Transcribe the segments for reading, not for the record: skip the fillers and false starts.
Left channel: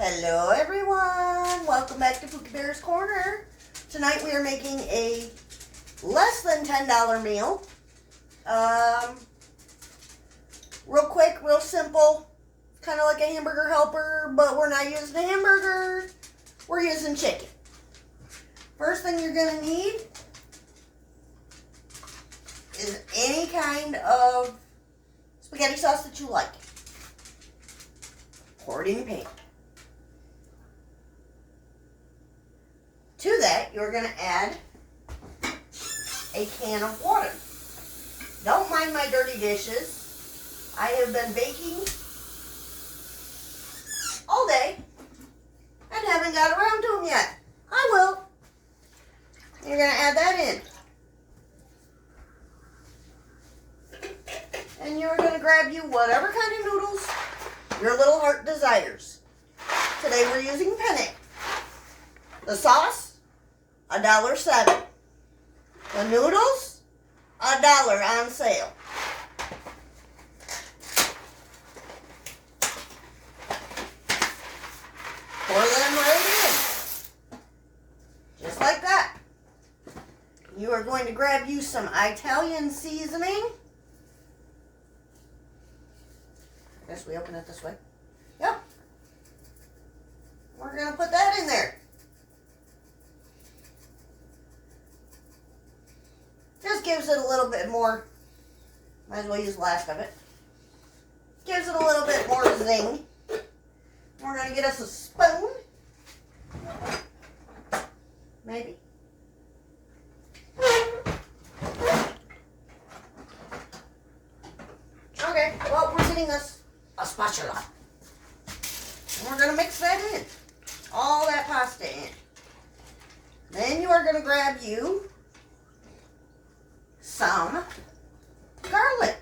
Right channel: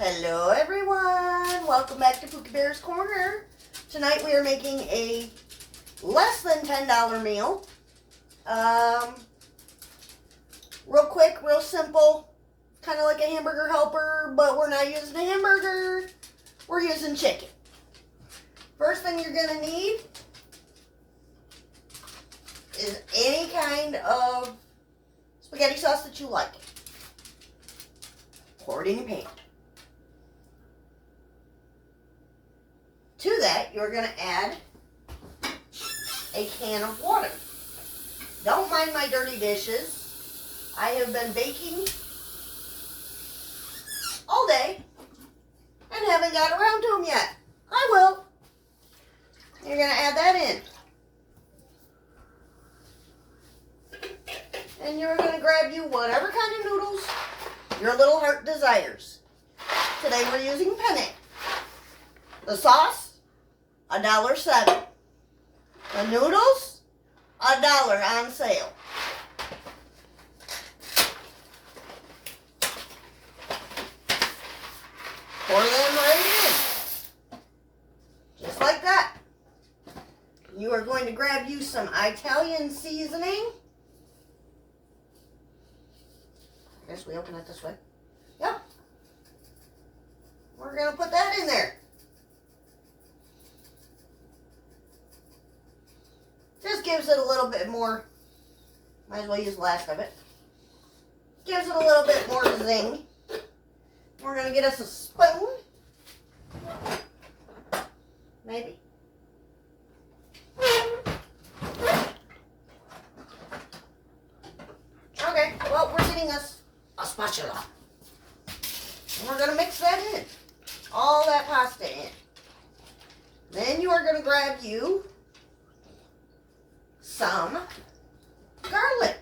Hello everyone, welcome back to Pookie Bear's Corner. Tonight we are making a less than $10 meal. Real quick, real simple, kind of like a hamburger helper, but we're not using a hamburger, we're using chicken. First thing you're going to need is any kind of spaghetti sauce that you like. Pour it in your pan. To that, you're going to add a can of water. Don't mind my dirty dishes. I have been baking all day and haven't got around to them yet. I will. You're going to add that in. And you're going to grab you whatever kind of noodles your little heart desires. Today we're using penne. The sauce, $1.07. The noodles, $1 on sale. Pour them right in. Just like that. You are going to grab you some Italian seasoning. I guess we open it this way. Yep. We're going to put that in there. Just gives it a little bit more, might as well use the last of it. Gives it a little bit more zing. We're going to get us a spoon. Maybe. Okay, well, we're getting us a spatula. And we're going to mix that in. All that pasta in. Then you are going to grab you some garlic.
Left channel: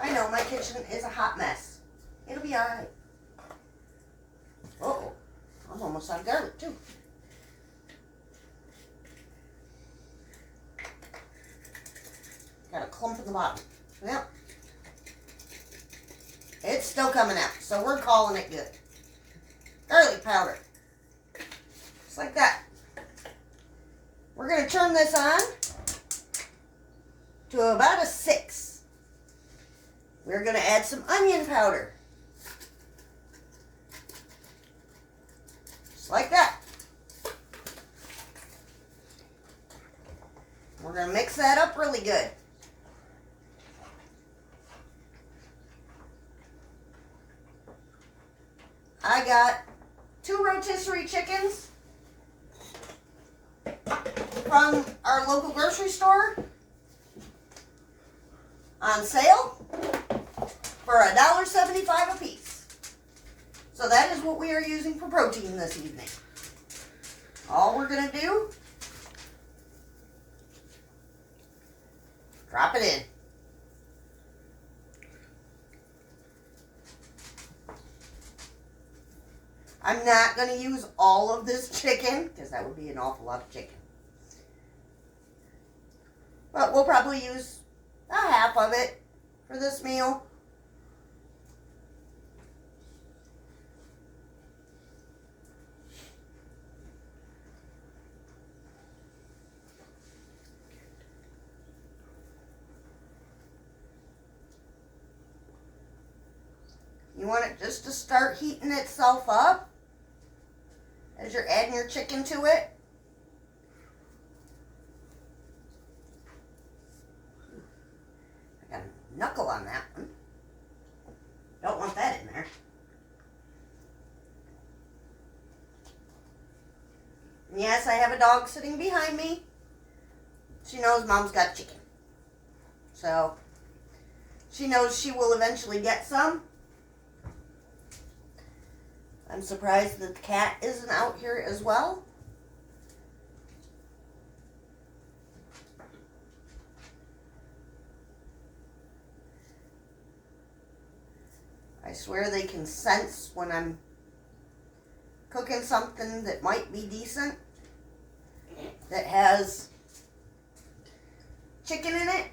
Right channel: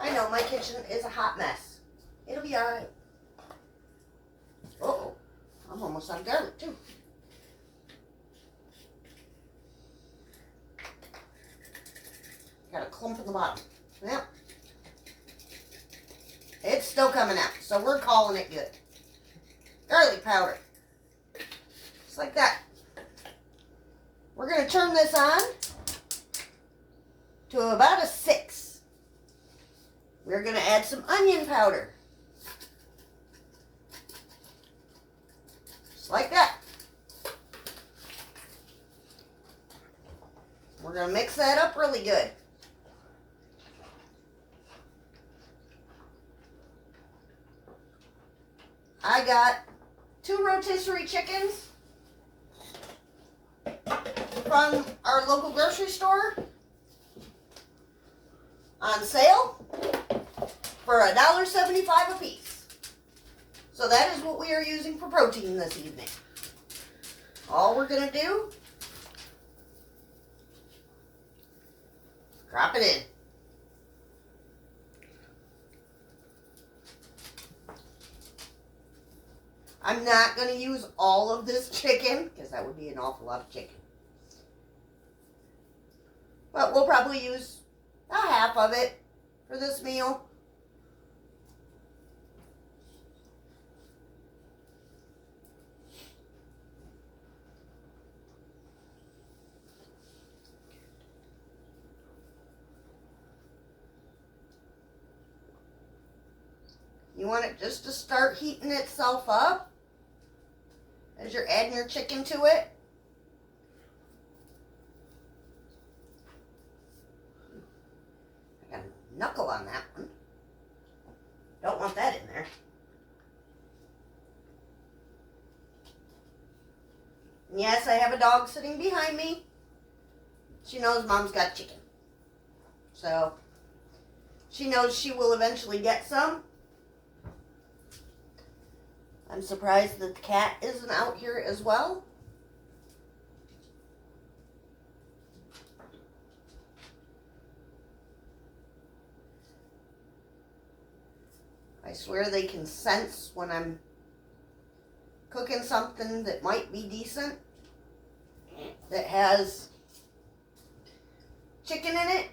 I know my kitchen is a hot mess. It'll be alright. Uh-oh. I'm almost out of garlic too. Got a clump in the bottom. Yep. It's still coming out, so we're calling it good. Garlic powder. Just like that. We're going to turn this on to about a 6. We're going to add some onion powder. Just like that. We're going to mix that up really good. I got 2 rotisserie chickens from our local grocery store on sale for $1.75 a piece. So that is what we are using for protein this evening. All we're going to do, drop it in. I'm not going to use all of this chicken because that would be an awful lot of chicken. But we'll probably use a half of it for this meal. You want it just to start heating itself up as you're adding your chicken to it. I got a knuckle on that one. Don't want that in there. And yes, I have a dog sitting behind me. She knows Mom's got chicken. So, she knows she will eventually get some. I'm surprised that the cat isn't out here as well. I swear they can sense when I'm cooking something that might be decent, that has chicken in it.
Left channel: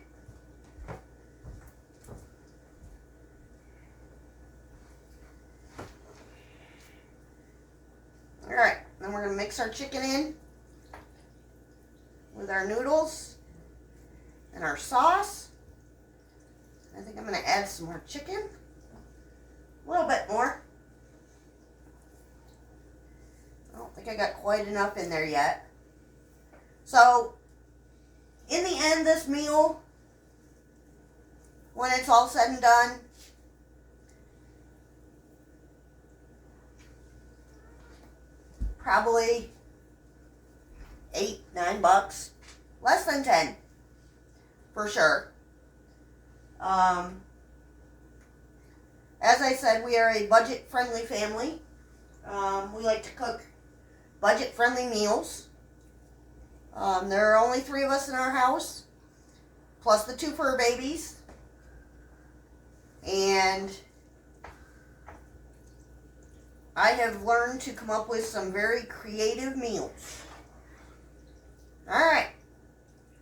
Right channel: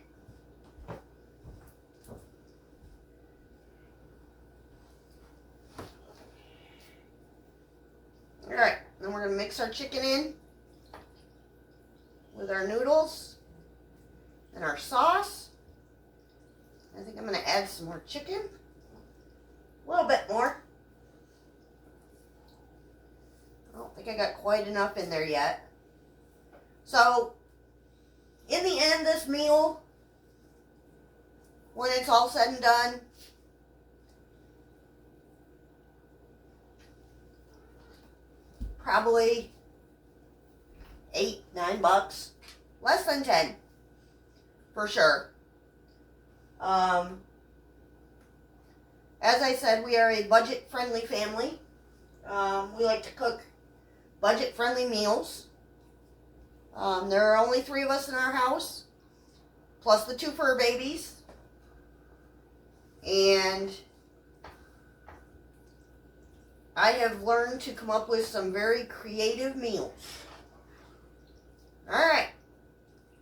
mix our chicken in with our noodles and our sauce. I think I'm going to add some more chicken. A little bit more. I don't think I got quite enough in there yet. So, in the end, this meal, when it's all said and done, probably $8-9, less than 10, for sure. As I said, we are a budget-friendly family. We like to cook budget-friendly meals. There are only 3 of us in our house, plus the 2 fur babies. And I have learned to come up with some very creative meals. Alright.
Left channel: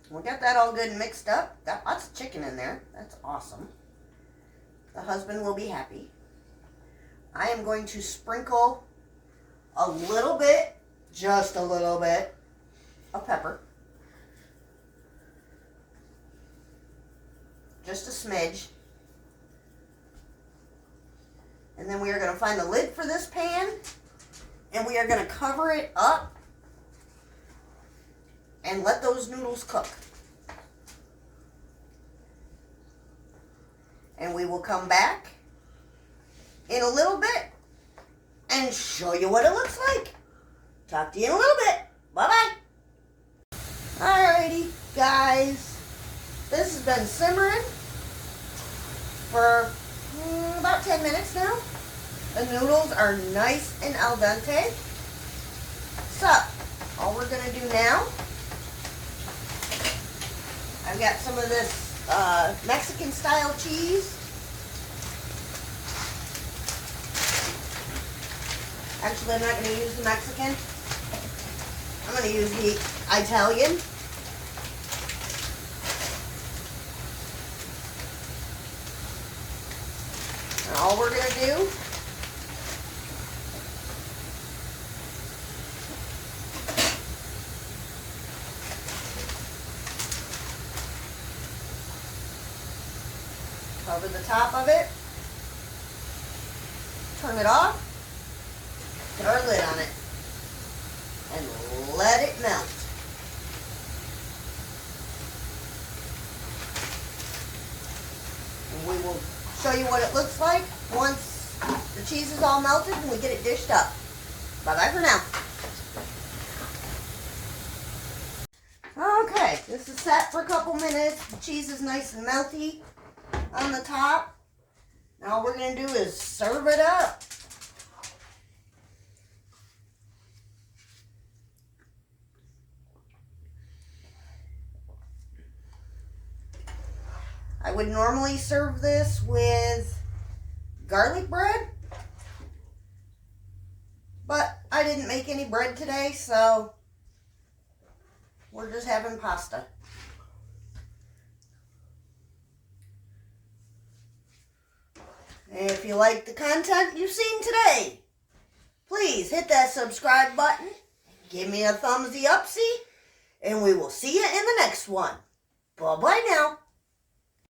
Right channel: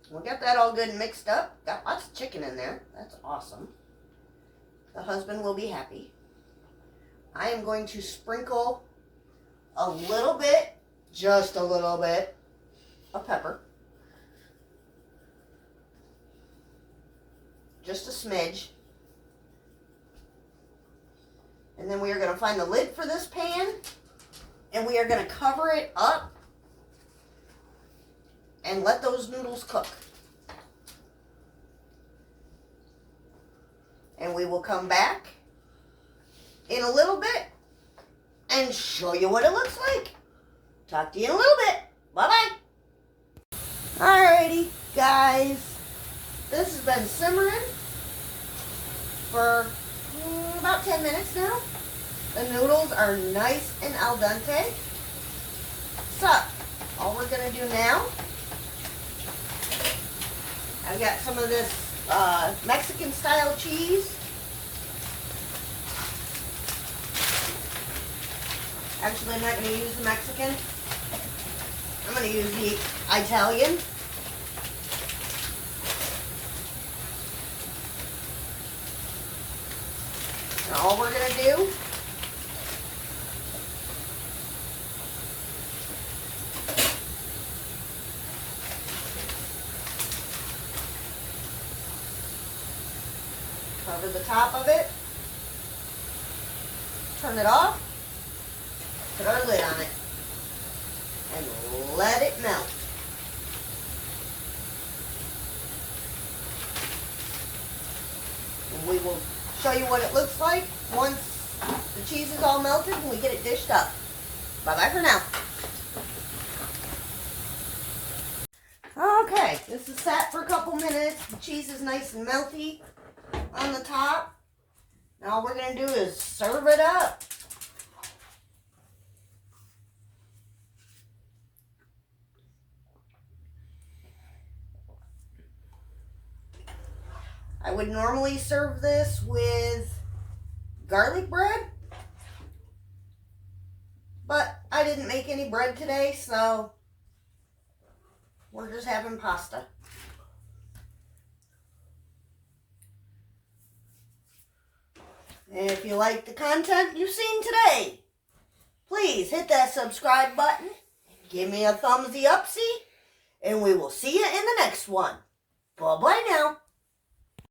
We got that all good and mixed up. Got lots of chicken in there. That's awesome. The husband will be happy. I am going to sprinkle a little bit, just a little bit, of pepper. Just a smidge. And then we are going to find the lid for this pan, and we are going to cover it up and let those noodles cook. And we will come back in a little bit and show you what it looks like. Talk to you in a little bit. Bye-bye. Alrighty, guys. This has been simmering for about 10 minutes now. The noodles are nice and al dente. So, all we're going to do now, I've got some of this Mexican style cheese. Actually, I'm not going to use the Mexican. I'm going to use the Italian. And all we're going to do cover the top of it, turn it off, put our lid on it, and let it melt. And we will show you what it looks like once the cheese is all melted and we get it dished up. Bye-bye for now. Okay, this is set for a couple minutes. The cheese is nice and melty on the top. Now all we're going to do is serve it up. I would normally serve this with garlic bread, but I didn't make any bread today, so we're just having pasta. And if you like the content you've seen today, please hit that subscribe button, give me a thumbsy upsy, and we will see you in the next one. Bye-bye now.